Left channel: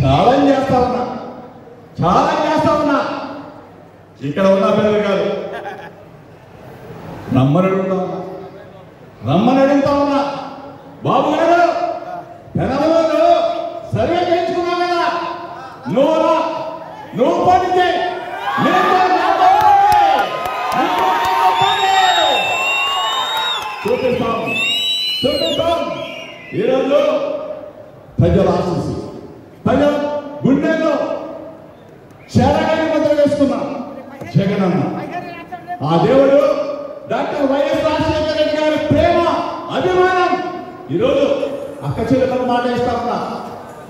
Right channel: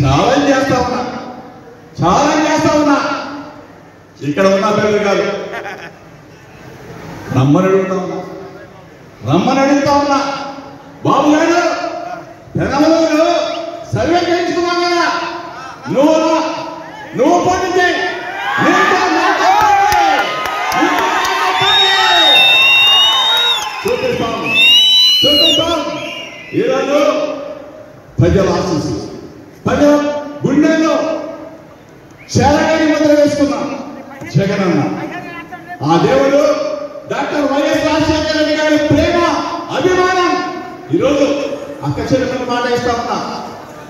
Challenge చేస్తా ఉన్నా ఇక్కడ ఉన్న పిల్లలు కాదు, రమ్మని అడుగుతా ఉన్నా బాబు గారు తెలంగాణలో సర్వే చేయించుకున్నా నువ్వు పడితే చూపిస్తాం. ఈరోజు ప్రజల ఆశీస్సు, ప్రజల గుండెల్లో శరగని ముద్ర వేసుకున్నాం జగనన్న. ఆ దేవుడు డాక్టర్ వైఎస్ రాజశేఖర రెడ్డి గారి ప్రేమ అభిమానం ఈరోజు అక్క చెల్లెలకు మాట ఇస్తా ఉన్నా,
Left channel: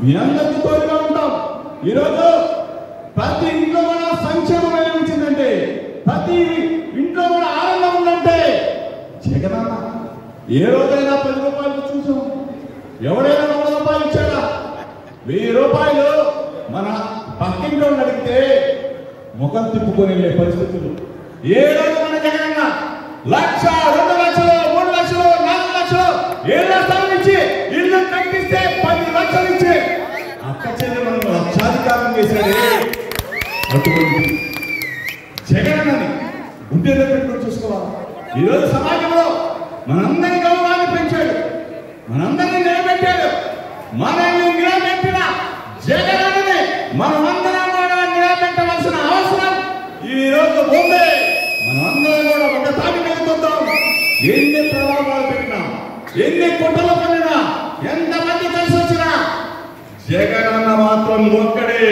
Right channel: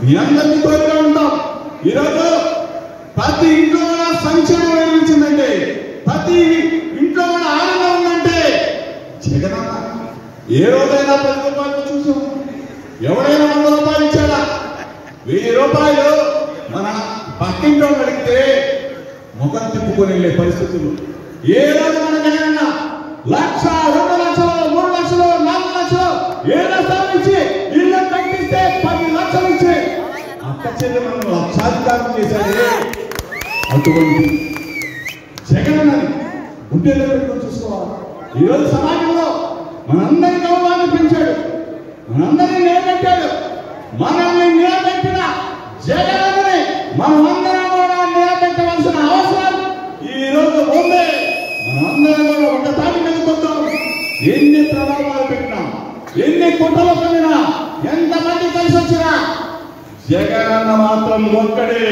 మీ అందరికీ తోడుగా ఉంటాం. ఈరోజు ప్రతి ఇంట్లో మన సంక్షేమం లభించిందంటే, ప్రతి ఇంట్లో మన ఆనందం ఉందంటే జగనన్న. ఏ రోజైనా 10 రూపాయలు చూసాం, ఎవరైనా 100 రూపాయలు ఇచ్చాడా? 1000 రూపాయలు మన పక్కింట్లో అడిగితే ముఖం తిప్పుకొని వెళ్ళే పరిస్థితులు. ఏ రోజు మన జగనన్న 1,00,000, 2 లక్షలు, 3 లక్షలు, 4 లక్షలు, 7 లక్షలు ఇచ్చి ఇల్లు తగ్గిస్తే 10 లక్షలు ఇచ్చి అక్క చెల్లెలను లక్షాధికారం చేశాడే. అటువంటి జగనన్నని గుండెల్లో పెట్టుకొని చూసుకోవాలి. ఈరోజు సమాజంలో మనందరి గౌరవాన్ని పెంచాడు, మనందరినీ నిలబెట్టాడు. మనల్ని నిలబెట్టిన జగనన్నని మనమందరం కూడా నిలబెట్టవలసిన అవసరం ఈరోజు ఉంది. మనమందరం కూడా ఒక తాటి మీద కొద్దాం. ఎన్ని ప్రభావాలు పెట్టినా, ఎన్ని కుట్రలు పడినా, ఎంతమంది కలిసి వచ్చినా జగనన్న మాత్రం ఒక్కడే.